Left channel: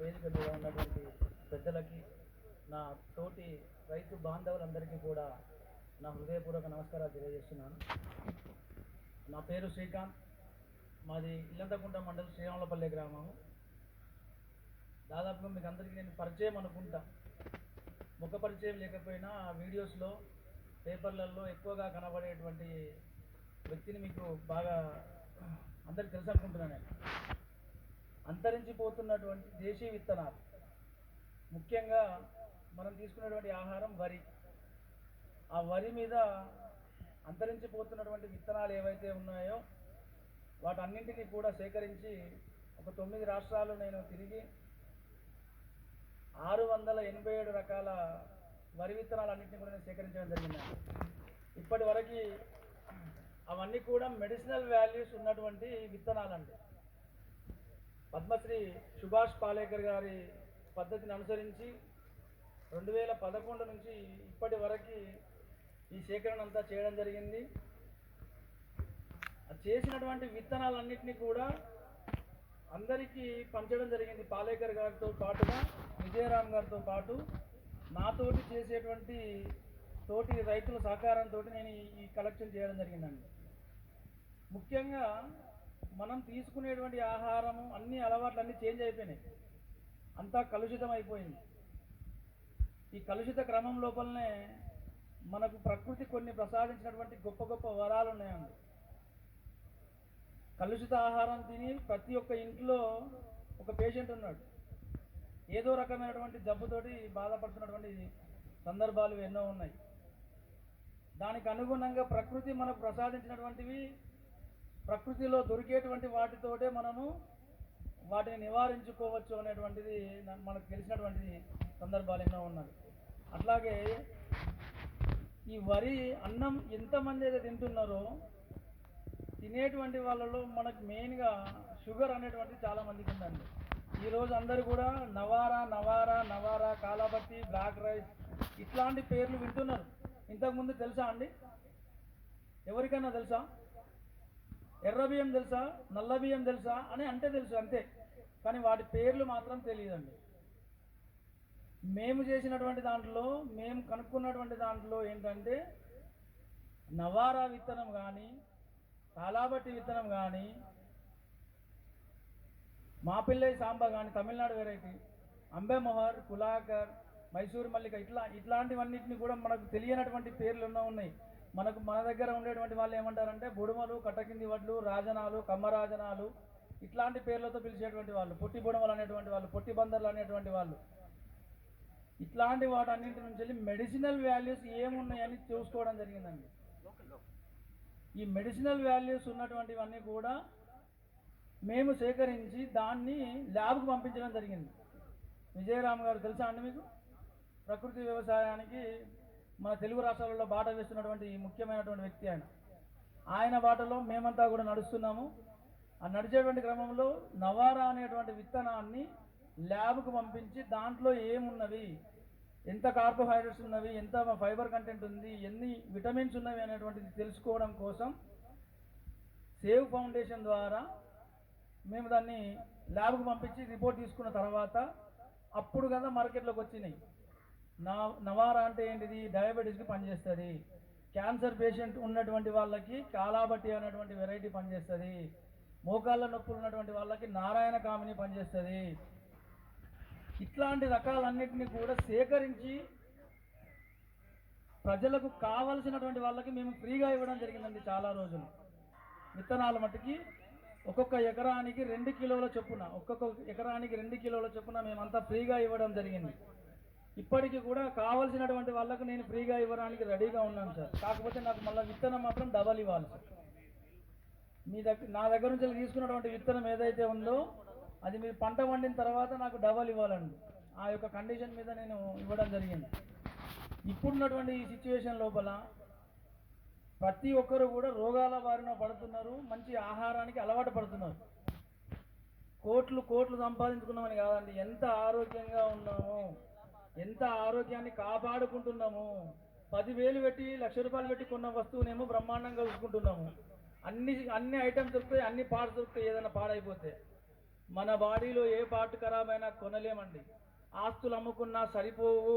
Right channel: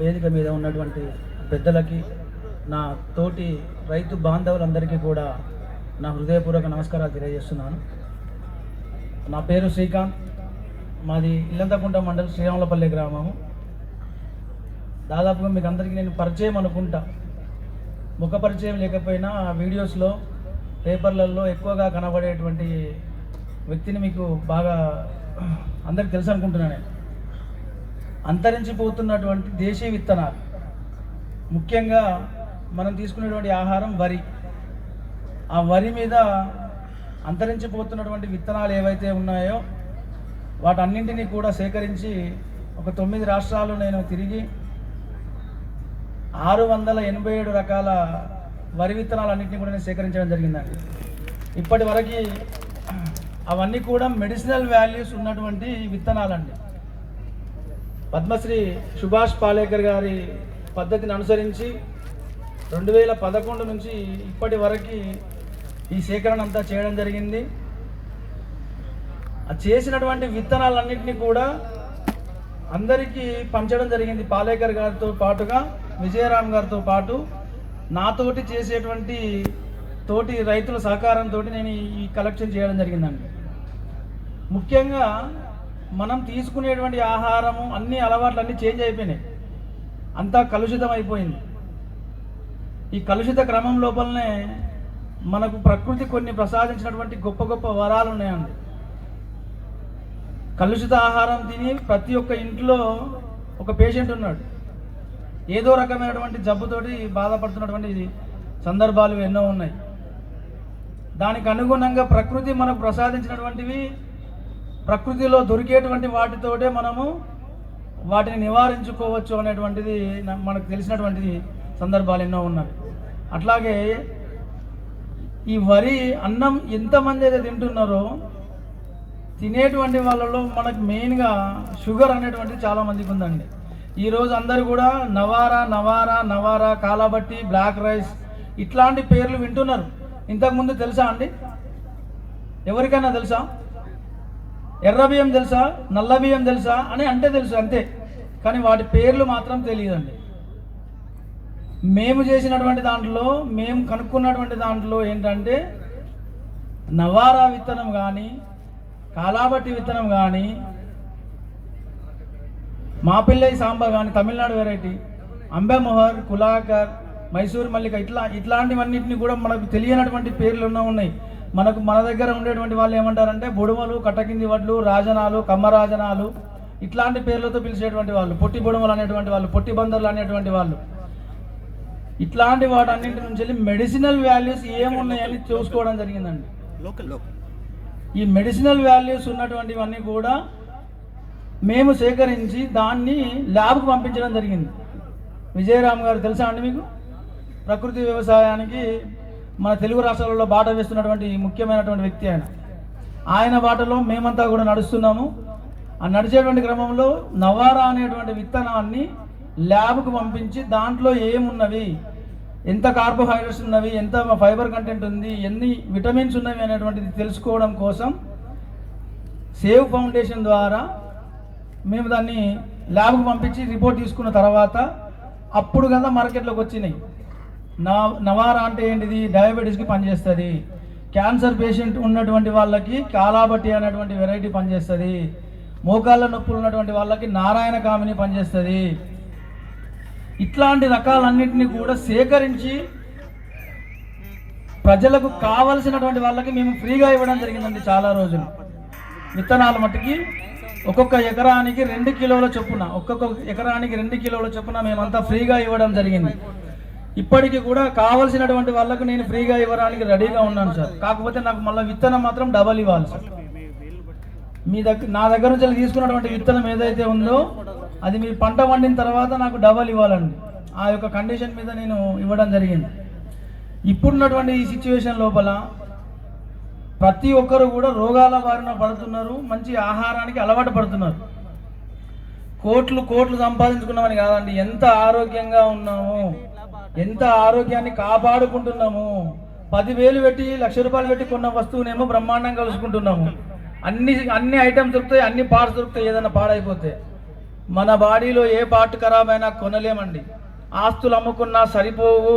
వేదిక మీద ఉన్నటువంటి పెద్దలకి, నా తోటి రైతు బాంధవులందరికీ కూడా నా హృదయపూర్వక నమస్కారాలు తెలియజేస్తున్నాను. నా పేరు శ్రీకాంత్, మాది ఇల్లంతకుంట మండలం శ్రీరాములపల్లి గ్రామము. దాదాపుగా మీకు అందరికీ నేను పరిచయం అనుకుంటా, ముఖ పరిచయం లేకపోయినా వీడియోస్లో పేపర్లలో ఎక్కువగా కనబడేటువంటి వ్యక్తిని మీకు బాగా అందరికి తెలుసు అనుకుంటున్నాను. అంతరించిపోతున్నటువంటి దేశీయ విత్తనాలు, ముఖ్యంగా మనం తీసుకునేటువంటి ఆహారం వరి, ఆ వరి మీద అంతరించిపోతున్నటువంటి విత్తనాలు ఏవైతే ఉన్నాయో వాటన్నింటినీ కూడా సేకరించి ఒక 9 రాష్ట్రాలు నేను తిరిగి 687 రకాల వరి విత్తనాలన్నింటినీ కూడా నేను సేకరించడం జరిగిందండి. ఇప్పటి వరకు అవన్నీ కూడా మెడిసినల్ వాల్యూస్ ఉన్నటువంటి విత్తనాలండి. పద్మశ్రీ సుభాష్ పాలేకర్ గారి పద్ధతిని అనుసరించి 2011 నుంచి ఇప్పటి వరకు ఈ సేకరణ అంతా చేయడం జరిగింది. ఆ చేసినటువంటి విత్తనాలన్నింటినీ కూడా అందరికీ పంచడం జరిగింది. పాలేకర్ గారితో పాటుగా విజయరామ్ గారితో పాటు నాతోటి చేసేటువంటి తోటి రైతుల సహకారంతో నేను ఈ కలెక్షన్ చేయడం జరిగిందండి. ముఖ్యంగా మనం తీసుకునేటువంటి ఆహారము అన్ని అలవాట్లు అన్నీ చేంజ్ అయిపోయినాయి, అంతా కలుషితం అయిపోయింది. ఈ కలుషిత క్రమం లోపలనే మనకు ప్రకృతి కొన్ని ప్రసాదించినటువంటి గొప్ప గొప్ప వరాలు ఉన్నాయండి. కలుషిత ఆహారం తిని ప్రతి ఒక్క ఇంట్లో ఒక పేషెంట్ ఉన్నాడు, ఏదో రకమైనటువంటి జబ్బుతోటి బాధపడుతున్నటువంటి సందర్భాలు ఎన్నో ఉన్నాయి. దానికి అనుగుణంగా ప్రకృతి మనకు ప్రసాదించినటువంటివి, ప్రకృతిలో దొరికేటువంటి వాటితోటే మనము వాటిని నివారించుకోవచ్చు అనేటువంటిది మనకు తెలిసినటువంటి సందర్భాలు ఎన్నో ఉన్నాయి. అట్లాగే ఈ వరి అన్నం ఎంతమంది అయితే తింటున్నారో తినేటువంటి వాళ్ళలో మనకు మెయిన్గా షుగర్ అనేటువంటిది చాలామందికి ఉందండి. ఈరోజు అందరూ కూడా నవారా నవారా నవారా, కాలాబట్టి, బ్లాక్ రైస్ ఇట్లాంటి పేర్లు వింటున్నారు. ఇంతకుముందు తెలుసా అండి? ఎవరికైనా తెలుసా? ఎర్ర బియ్యం తెలుసా, నల్ల బియ్యం తెలుసా అని అంటే తెలుసు అంతే, కానీ వాటి పేర్లు మాత్రం తెలియదండి. మేము చేసినటువంటి దాంట్లో, మేము కనుక్కున్నటువంటి దాంట్లో ఏంటంటే నవారా విత్తనం కానీ, కాలాబట్టి విత్తనం కానీ, మాపిల్లై సాంబా కానీ తమిళనాడు వెరైటీ, అంబెమొహర్, కులాకర్, మైసూర్ మల్లిక ఇట్లాంటివన్నింటినీ కూడా మనకు తెలియనటువంటి పేర్లు ఉన్నాయి. మన దగ్గర ఉండేటువంటి వాళ్ళు ఏమంటారంటే బుడుమలు, కట్టకింది వడ్లు, రాజనాలు, కమ్మరాజనాలు ఇట్లాంటి పేర్లతో పిలిచేటువంటి వాళ్ళు, పొట్టి బుడుమలు అనేటువంటి వాళ్ళు, పొట్టి బందర్లు అనేటువంటి వాళ్ళు. ఇట్లాంటి వాటన్నింటి నుంచి మెడిసినల్ వాల్యూస్ ఏమున్నాయని చూసుకోవడం జరిగిందండి. ఈ మెడిసినల్ వాల్యూస్ ఉన్నటువంటివన్నీ కూడా మేము సేకరించి దాన్ని ల్యాబ్కు పంపించడం జరిగింది. విజయరామ్ గారు తెలుసా అండి మీకు? ప్రకృతి వ్యవసాయానికి మన తెలుగు రాష్ట్రాలలో బాట వేస్తున్నటువంటి ముఖ్యమైనటువంటి వ్యక్తి ఆయన బాటలో మేమంతా కూడా నడుస్తున్నాము. ఆ నడిచేటువంటి క్రమంలో నవారా అనేటువంటి విత్తనాన్ని ల్యాబ్కు పంపించి దాంట్లో ఏమున్నవి, ఎంత కార్బోహైడ్రేట్స్ ఉన్నవి, ఎంత ఫైబర్ కంటెంట్ ఉంది, ఎన్ని విటమిన్స్ ఉన్నవి అనేటువంటిది తెలుసుకోవడం కోసం సేవ్ ఫౌండేషన్ ద్వారా మేము దాన్ని ల్యాబ్కు పంపించి రిపోర్ట్ తీసుకున్న తర్వాత అప్పుడు కదా మార్కెట్లోకి వచ్చినాయి. నవారా అంటే ఏంటిది? డయాబెటీస్కి పనిచేస్తుంది. క్యాన్సర్ పేషెంట్ ఉన్నటువంటి వాళ్ళకి కాలాబట్టి అనేటువంటి వెరైటీ పనిచేస్తుంది. మోకాళ్ళ నొప్పులు ఉన్నటువంటి వాళ్ళకి నారాయణ కామిని పనిచేస్తుంది. ఇట్లాంటి రకాలన్నింటినీ కూడా సేకరించి ప్రజలకు కావలసినటువంటి వాళ్ళకి మేము ఫ్రీగా ఇవ్వడం జరిగిందండి. చాలా రోజులు విత్తనాలు మట్టుకి ఒక్కొక్క ఎకరానికి 2 కిలోల చొప్పున, ఒక్కొక్క ఎకరానికి 2 కిలోల చొప్పున మేమంతా ఫ్రీగా ఇవ్వడం జరిగింది. ఇప్పటికీ కూడా కావాల్సినటువంటి వాళ్ళకు నేను ఫ్రీగా ఇవ్వడానికి రెడీగా ఉన్నాను సార్. కాకపోతే నాకు మళ్ళీ విత్తనం మాత్రం డబల్ ఇవ్వాలి సార్. నా దగ్గర నుంచి తీసుకున్నటువంటి విత్తనం ఏదైతే ఉందో అది మీరు పంట వండిన తర్వాత నాకు డబల్ ఇవ్వాలండి. ఆ యొక్క కండిషన్ మీద నేను ఇవ్వడం జరిగింది. ఇప్పుడున్నటువంటి ఈ సిచ్యువేషన్ లోపల ప్రతి ఒక్కరు కూడా రోగాల బారిన పడుతున్నారు, మంచి ఆహారానికి అలవాటు పడుతున్నారు. కోట్లు సంపాదించుకున్నామని కాదండి, ఎంత ఆరోగ్యంగా ఉన్నాము, ఎంత ఆరోగ్యాన్ని కాపాడుకుంటున్నాము. 10,000 పెట్టి 1,00,000 రూపాయలు పెట్టి కొన్న వస్తువునేమో బ్రహ్మాండంగా కలుసుకుంటున్నాము. అన్ని ఐటమ్స్ దొరుకుతాయి, అన్ని పార్ట్స్ దొరుకుతాయి. ఏదైనా పాడైపోతే మన బాడీలో ఏ పార్ట్ ఖరాబ్ అయినా కొనలేమండి. ఆస్తులు అమ్ముకున్నా సరిపోవు,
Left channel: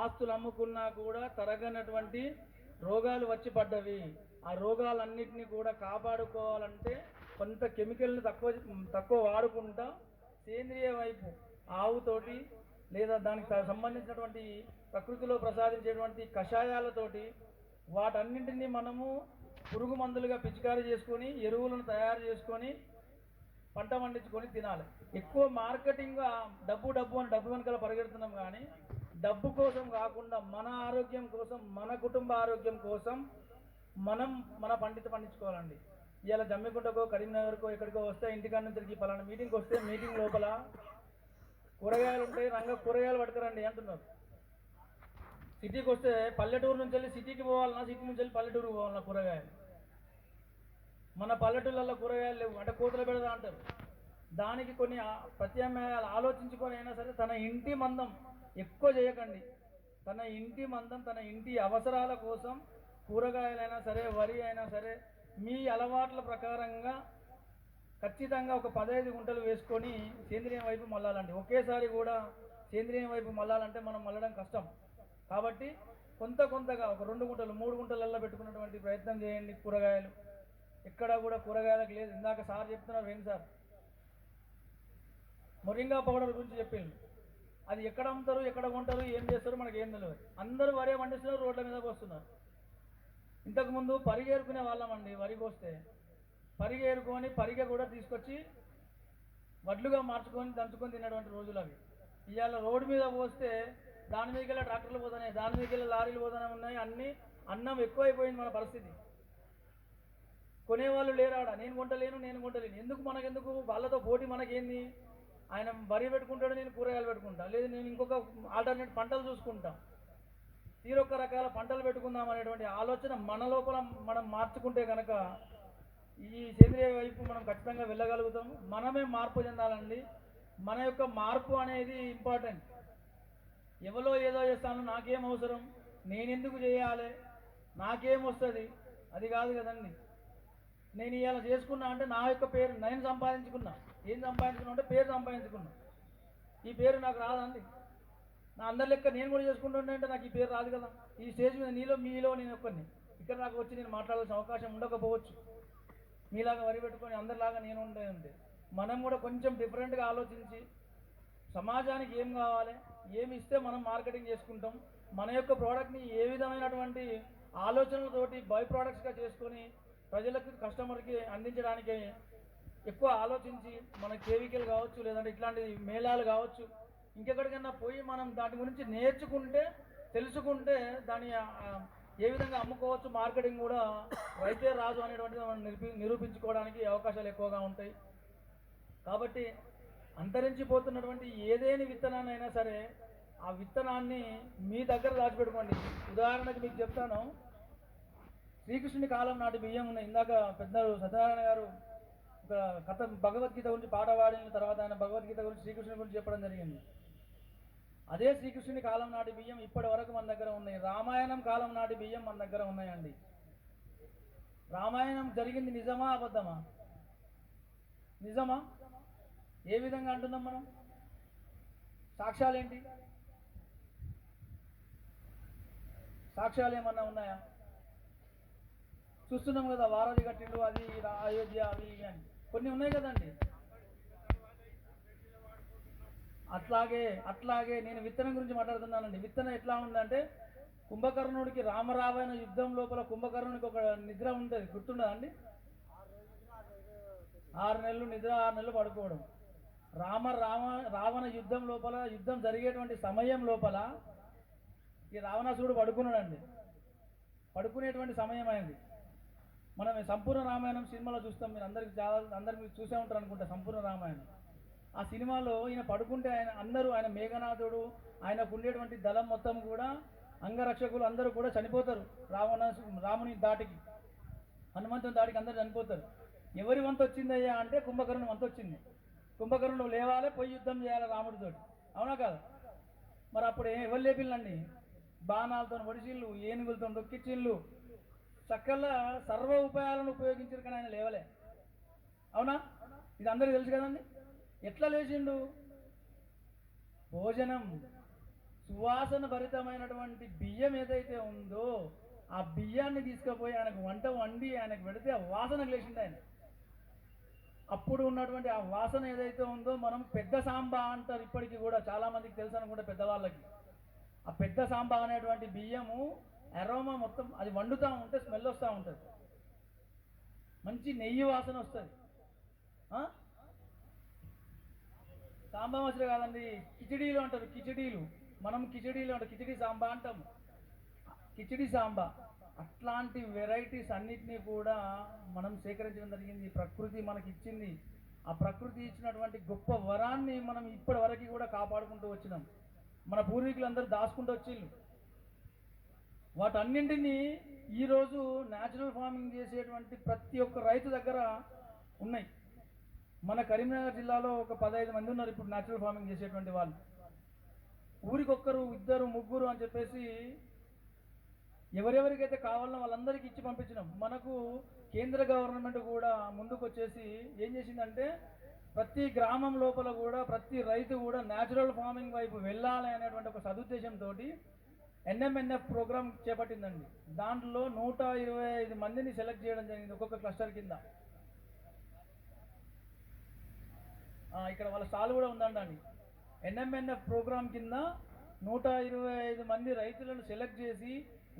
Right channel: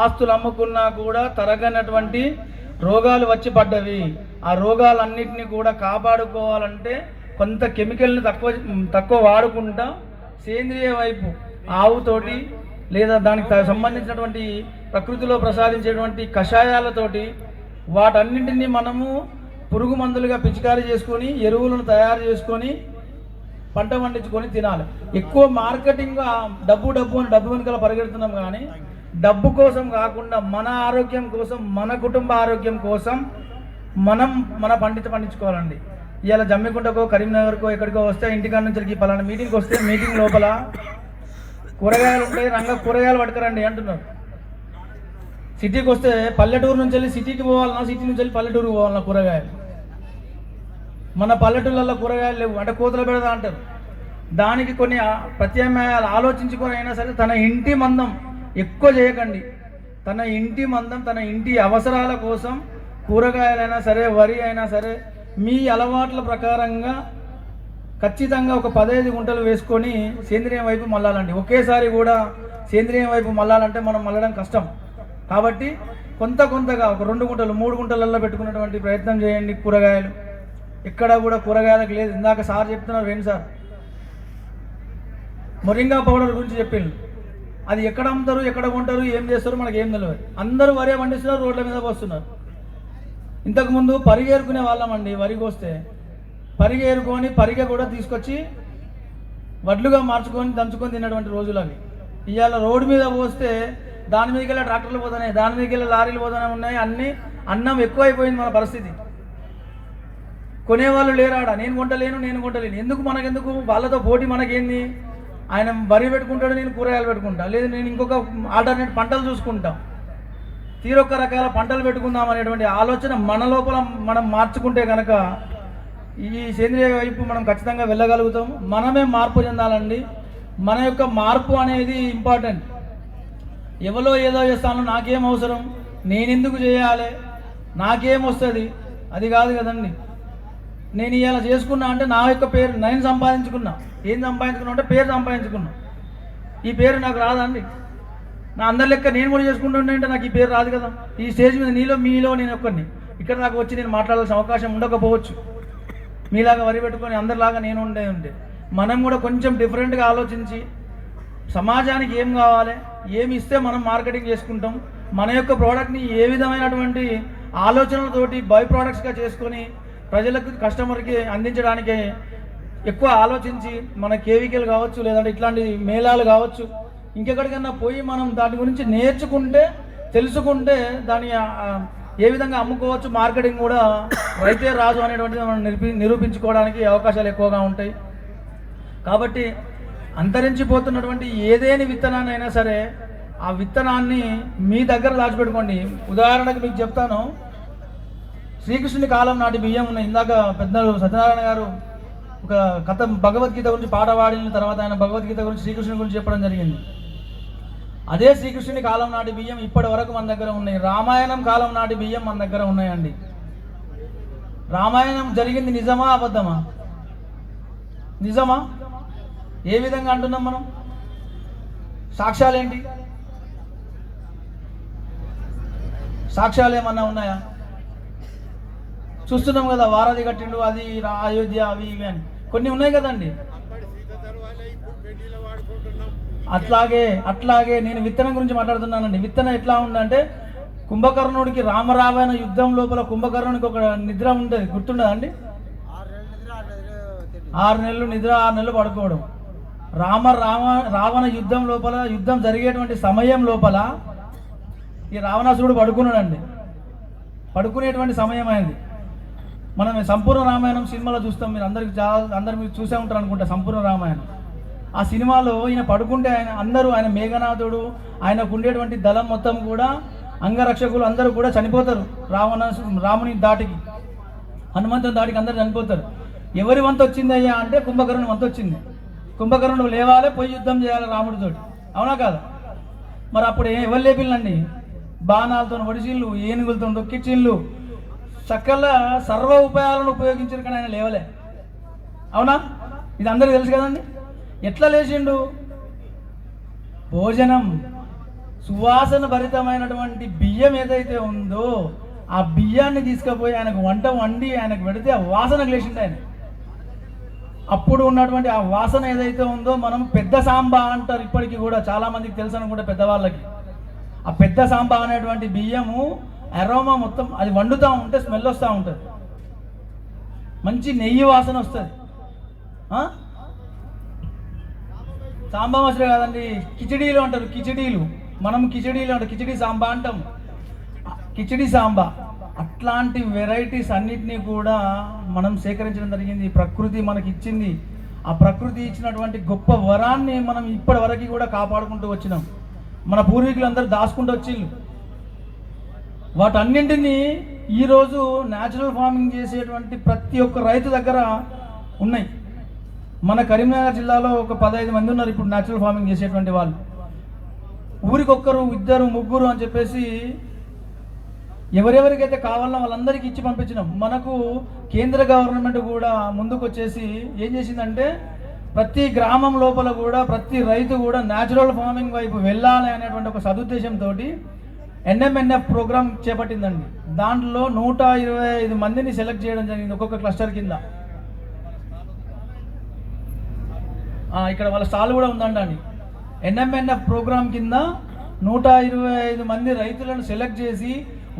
ఆస్తులు అమ్ముకున్నా కూడా తరగనటువంటి రోగాలు వచ్చి పడ్డవి. ఆ రోగాలన్నింటినీ కూడా కాపాడుకోవాలంటే కొంత కెమికల్ని తక్కువ వాడుకుంటా సేంద్రియ వైపు ఆవుతోటి లేదా దానికి సంబంధించినటువంటి ప్రకృతిలో ప్రసాదించేటువంటి కషాయాలతోటి వాటన్నింటినీ మనము పురుగు మందులుగా పిచికారీ చేసుకొని ఎరువులను తయారు చేసుకొని పంట పండించుకొని తినాలి. ఎక్కువ మార్కెటింగ్ డబ్బు వెనుకల పరిగెడుతున్నాం, కానీ డబ్బు కోసం కాకుండా మన ఆరోగ్యం కోసం, మన కుటుంబ ఆరోగ్యం కోసం మన పండించుకోవాలండి. ఇవాళ జమ్మికుంటకో కరీంనగర్కో ఎక్కడికో వస్తే ఇంటికాడ నుంచి పలానా మీటింగ్కి వస్తే మీటింగ్ లోపల కూరగాయలు ఉంటాయి, కూరగాయలు పట్టుకురండి అంటున్నారు. సిటీకి వస్తే పల్లెటూరు నుంచి వెళ్ళి సిటీకి పోవాలన్నా, సిటీ నుంచి వెళ్ళి పల్లెటూరుకి పోవాలన్నా కూరగాయలు. మన పల్లెటూళ్ళల్లో కూరగాయలు లేవు అంటే కోతలు పెడదా అంటారు. దానికి కొన్ని ప్రత్యామ్నాయాలు ఆలోచించుకొని అయినా సరే తన ఇంటి మందం ఎక్కువ చేయకండి. తన ఇంటి మందం, తన ఇంటి అవసరాల కోసం కూరగాయలైనా సరే, వరి అయినా సరే మీ అలవాట్ల ప్రకారంగా ఖచ్చితంగా ఒక 15 గుంటలు వేసుకొని సేంద్రియం వైపు మళ్ళాలండి. ఒకేసారి కూడా సేంద్రియం వైపు మళ్ళాలంటే మనం మళ్ళడం కష్టం. కాబట్టి కొంతగా ఒక 2 గుంటలు 3 గుంటలల్లో పెట్టుకున్నటువంటి ప్రయత్నం చేయండి. కూరగాయలు ఎక్కడ కూడా కూరగాయలకు లేదు. ఇందాక సార్ చెప్తున్నారు, వేణు సార్ మొరింగా పౌడర్ గురించి చెప్పిండు. అది ఎక్కడ అమ్ముతారు, ఎక్కడ కొంటారు, ఏం చేస్తారు మనకి ఏం తెలియదు. అందరూ వరి పండిస్తున్నారు, రోడ్ల మీద వస్తున్నారు. ఇంతకుముందు పరిగేరుకునే వాళ్ళమండి. వరికి వస్తే పరిగేరుకొని పరిగె కూడా తీసుకొచ్చి వడ్లుగా మార్చుకొని దంచుకొని తిన్నటువంటి రోజులు అవి. ఇవాళ రోడ్డు మీద పోస్తే దాని మీదకి వెళ్ళి ట్రాక్టర్లు పోతున్నాయి, దాని మీదకి వెళ్ళి లారీలు పోతూనే ఉన్నాయి. అన్నం ఎక్కువైపోయింది మన పరిస్థితి. కొనేవాళ్ళు లేరాడ. నేను కొంటలేను. మనకెందుకు వాళ్ళతో పోటీ మనకేంది? ఆయన వరి పెట్టుకుంటాడు, నేను కూరగాయలు పెట్టుకుంటా, లేదు నేను ఇంకొక ఆల్టర్నేట్ పంటలు చూసుకుంటాం. తీరొక్క రకాల పంటలు పెట్టుకుందాం అనేటువంటి ఆలోచన మన లోపల మనం మార్చుకుంటే కనుక ఈ సేంద్రియ వైపు మనం ఖచ్చితంగా వెళ్ళగలుగుతాం. మనమే మార్పు చెందాలండి. మన యొక్క మార్పు అనేది ఇంపార్టెంట్. ఎవరో ఏదో చేస్తాను, నాకేం అవసరం, నేనెందుకు చేయాలి, నాకేం వస్తుంది, అది కాదు కదండి. నేను ఇలా చేసుకున్నా అంటే నా యొక్క పేరు నేను సంపాదించుకున్నా. ఏం సంపాదించుకున్నా అంటే పేరు సంపాదించుకున్నా. ఈ పేరు నాకు రాదండి. నా అందరి లెక్క నేను కూడా చేసుకుంటుండే అంటే నాకు ఈ పేరు రాదు కదా. ఈ స్టేజ్ మీద మీలో నేను ఒక్కడిని ఇక్కడ నాకు వచ్చి నేను మాట్లాడాల్సిన అవకాశం ఉండకపోవచ్చు. మీలాగా వరి పెట్టుకొని అందరిలాగా నేను ఉండే మనం కూడా కొంచెం డిఫరెంట్గా ఆలోచించి సమాజానికి ఏం కావాలి, ఏమి ఇస్తే మనం మార్కెటింగ్ చేసుకుంటాం, మన యొక్క ప్రోడక్ట్ని ఏ విధమైనటువంటి ఆలోచనలతోటి బై ప్రోడక్ట్స్గా చేసుకొని ప్రజలకు కస్టమర్కి అందించడానికి ఎక్కువ ఆలోచించి మన కేవీకేలు కావచ్చు, లేదంటే ఇట్లాంటి మేళాలు కావచ్చు, ఇంకెక్కడికన్నా పోయి మనం దాని గురించి నేర్చుకుంటే తెలుసుకుంటే దాన్ని ఏ విధంగా అమ్ముకోవచ్చు, మార్కెటింగ్ కూడా రైతే రాజు అనేటువంటిది మనం నిరూపించుకోవడానికి అవకాశాలు ఎక్కువగా ఉంటాయి. కాబట్టి అంతరించిపోతున్నటువంటి ఏదేని విత్తనాన్ని అయినా సరే ఆ విత్తనాన్ని మీ దగ్గర దాచిపెట్టుకోండి. ఉదాహరణకు మీకు చెప్తాను, శ్రీకృష్ణుని కాలం నాటి బియ్యం ఉన్నాయి. ఇందాక పెద్దలు సత్యనారాయణ గారు ఒక కథ భగవద్గీత గురించి పాట పాడిన తర్వాత ఆయన భగవద్గీత గురించి శ్రీకృష్ణుని గురించి చెప్పడం జరిగింది. అదే శ్రీకృష్ణుని కాలం నాటి బియ్యం ఇప్పటి వరకు మన దగ్గర ఉన్నాయి. రామాయణం కాలం నాటి బియ్యం మన దగ్గర ఉన్నాయండి. రామాయణం జరిగింది నిజమా అబద్ధమా? నిజమా? ఏ విధంగా అంటున్నాం మనం? సాక్ష్యాలేంటి? సాక్ష్యాలు ఏమన్నా ఉన్నాయా? చూస్తున్నాం కదా, వారధి కట్టిండు, అది అయోధ్య, అవి ఇవి అని కొన్ని ఉన్నాయి కదండి. అట్లాగే నేను విత్తనం గురించి మాట్లాడుతున్నానండి. విత్తనం ఎట్లా ఉందంటే కుంభకర్ణుడికి రామరావణ యుద్ధం లోపల కుంభకర్ణుడికి ఒక నిద్ర ఉండేది, గుర్తుండదండి? 6 నెలలు నిద్ర, 6 నెలలు పడుకోవడం. రావణ యుద్ధం లోపల, యుద్ధం జరిగేటువంటి సమయం లోపల ఈ రావణాసురుడు పడుకున్నాడండి. పడుకునేటువంటి సమయం అయింది. మనం సంపూర్ణ రామాయణం సినిమాలో చూస్తాం. మీరు అందరు మీరు చూసే ఉంటారు అనుకుంటా సంపూర్ణ రామాయణం. ఆ సినిమాలో ఈయన పడుకుంటే ఆయన మేఘనాథుడు, ఆయనకు ఉండేటువంటి దళం మొత్తం కూడా అంగరక్షకులు అందరూ కూడా చనిపోతారు. రాముని దాటికి, హనుమంతుని దాటికి అందరూ చనిపోతారు. ఎవరి వంతు వచ్చింది అయ్యా అంటే కుంభకర్ణుని వంతు వచ్చింది. కుంభకర్ణుడు లేవాలి, పోయి యుద్ధం చేయాలి రాముడితోటి, అవునా కాదా? మరి అప్పుడు ఎవరు లేపిల్లండి? బాణాలతో ఒడిచిళ్ళు, ఏనుగులతో దొక్కిచ్చిళ్ళు, సకల సర్వ ఉపాయాలను ఉపయోగించారు, కానీ ఆయన లేవలే. అవునా? ఇది అందరికీ తెలుసు కదండి. ఎట్లా లేచిండు? భోజనం, సువాసన భరితమైనటువంటి బియ్యం ఏదైతే ఉందో ఆ బియ్యాన్ని తీసుకుపోయి ఆయనకు వంట వండి ఆయనకు పెడితే ఆ వాసనకు లేచిండు ఆయన. అప్పుడు ఉన్నటువంటి ఆ వాసన ఏదైతే ఉందో మనం పెద్ద సాంబా అంటారు. ఇప్పటికీ కూడా చాలామందికి తెలుసు అనుకుంటే పెద్దవాళ్ళకి. ఆ పెద్ద సాంబా అనేటువంటి బియ్యము అరోమా మొత్తం అది వండుతూ ఉంటే స్మెల్ వస్తూ ఉంటుంది, మంచి నెయ్యి వాసన వస్తుంది. సాంబా మసూరి కాదండి, కిచిడీలు అంటారు. కిచిడీలు మనం కిచిడీలు అంటారు, కిచిడీ సాంబా అంటాం, కిచిడీ సాంబా. అట్లాంటి వెరైటీస్ అన్నిటినీ కూడా మనం సేకరించడం జరిగింది. ప్రకృతి మనకి ఇచ్చింది. ఆ ప్రకృతి ఇచ్చినటువంటి గొప్ప వరాన్ని మనం ఇప్పటి వరకు కూడా కాపాడుకుంటూ వచ్చినాం. మన పూర్వీకులందరూ దాచుకుంటూ వచ్చిళ్ళు. వాటన్నింటినీ ఈరోజు న్యాచురల్ ఫార్మింగ్ చేసేటువంటి ప్రతి ఒక్క రైతు దగ్గర ఉన్నాయి. మన కరీంనగర్ జిల్లాలో ఒక 15 మంది ఉన్నారు ఇప్పుడు న్యాచురల్ ఫార్మింగ్ చేసేటువంటి వాళ్ళు. ఊరికొక్కరు, ఇద్దరు, ముగ్గురు అని చెప్పేసి ఎవరెవరికైతే కావాలన్నా వాళ్ళందరికీ ఇచ్చి పంపించినాం. మనకు కేంద్ర గవర్నమెంట్ కూడా ముందుకు వచ్చేసి ఏం చేసిందంటే ప్రతి గ్రామం లోపల కూడా ప్రతి రైతు కూడా న్యాచురల్ ఫార్మింగ్ వైపు వెళ్ళాలి అనేటువంటి ఒక సదుద్దేశంతో NMNF ప్రోగ్రామ్ చేపట్టిందండి. దాంట్లో 125 మందిని సెలెక్ట్ చేయడం జరిగింది ఒక్కొక్క క్లస్టర్ కింద. ఇక్కడ వాళ్ళ స్టాల్ కూడా ఉందండి. NMNF ప్రోగ్రామ్ కింద 125 మంది రైతులను సెలెక్ట్ చేసి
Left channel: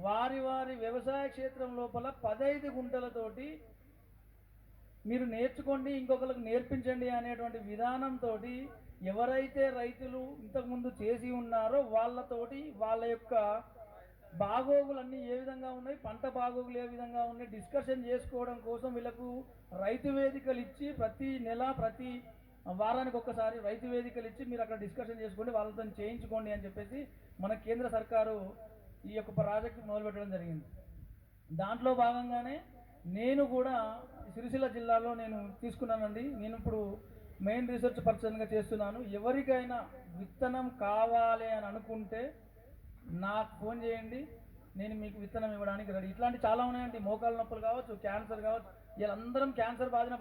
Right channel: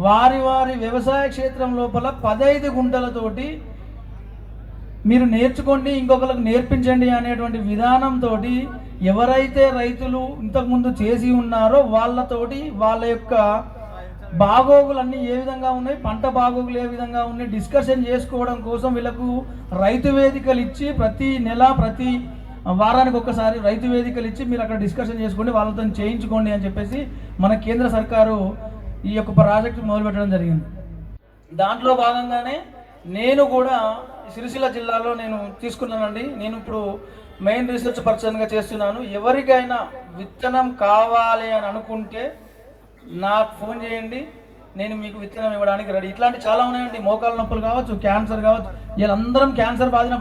వారి వారి వ్యవసాయ క్షేత్రం లోపల 15 గుంటలతోటి మీరు నేర్చుకోండి, ఇంకొకరికి నేర్పించండి అనేటువంటి విధానంతో ఎవరైతే రైతులు ఇంతకుముందు చేసి ఉన్నారో వాళ్ళతోటి వాళ్ళ యొక్క బాగోగులన్నీ ఏ విధంగా ఉన్నాయి, పంట బాగోగులు ఏ విధంగా ఉన్నాయి డిస్కషన్ చేసుకోవడం కోసం వీళ్ళకు రైతు వేదికలు ఇచ్చి ప్రతి నెల ప్రతి వారానికి ఒక్కసారి రైతు వేదికలు ఇచ్చి మీరు అక్కడ డిస్కషన్ చేసుకోండి, వాళ్ళతో చేయించుకోండి అని చెప్పేసి మన కేంద్ర సర్కారు ఈ యొక్క ప్రాజెక్టు మొదలుపెట్టడం జరిగింది. దాంట్లో భాగంగానే నేను కూడా సిరిసిల్ల జిల్లాలో నేను తీసుకున్నానండి. నేను ఇప్పుడు మెయిన్ రీసెర్చ్ పర్సన్గా చేస్తున్నాను. ఎవరికైనా విత్తనం కావాలి అని అనుకుంటే నాకు ఫోన్ చేయండి, నేను మీకు విత్తనం ఇవ్వడానికి రెడీ. ఇట్లాంటి చాలా ఉన్నాయండి. మోకాళ్ళ నొప్పులు కావచ్చు, క్యాన్సర్ కావచ్చు. వీళ్ళందరం క్యాన్సర్ బాధిన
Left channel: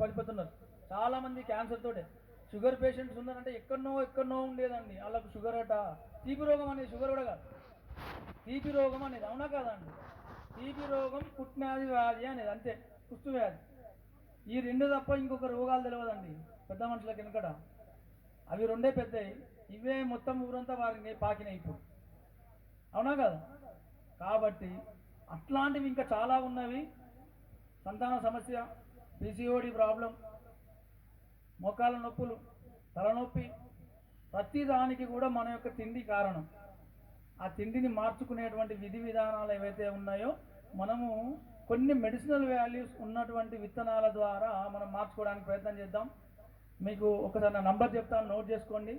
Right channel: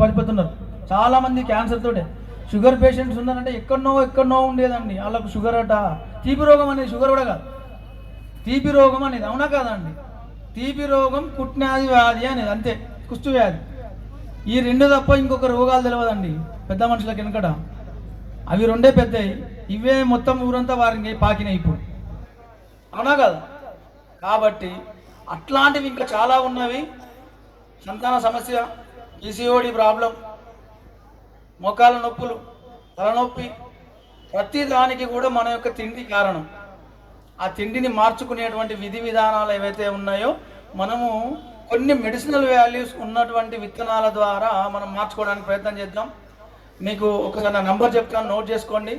పడిపోతున్నారు. చాలామంది క్యాన్సర్ తోటే. షుగర్ పేషెంట్స్ ఉన్నారంటే ఎక్కడనో ఉండేదండి వాళ్ళకు షుగర్ అట. తీపి రోగం అనేది షుగర్ కూడా కాదు, తీపి రోగం అనేది. అవునా కాదండి? తీపి రోగం కుట్నాది వ్యాధి అనేది అంతే, కుష్టు వ్యాధి. ఈ రెండు తప్ప ఇంకొక రోగాలు తెలియదండి పెద్ద మనుషులకు వెనకట. అవి రెండే పెద్దవి, ఇవే మొత్తం ఊరంతా వారికి పాకినాయి ఇప్పుడు. అవునా కదా? కాబట్టి అట్లాంటివి ఇంకా చాలా ఉన్నవి. సంతాన సమస్య, PCOD ప్రాబ్లం, మోకాళ్ళ నొప్పులు, తలనొప్పి, ప్రతి దానికి కూడా మన యొక్క తిండి కారణం. ఆ తిండిని మార్చుకునేటువంటి విధి విధానాలు ఏవైతే ఉన్నాయో మనము కొన్ని మెడిసినల్ వాల్యూస్ ఉన్నటువంటి విత్తనాల ద్వారా మనం మార్చుకోవడానికి ప్రయత్నం చేద్దాం. మీకు ఒకసారి నా నంబర్ చెప్తాను, నోట్ చేసుకోండి.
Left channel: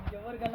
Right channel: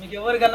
మీకు ఎవరికైనా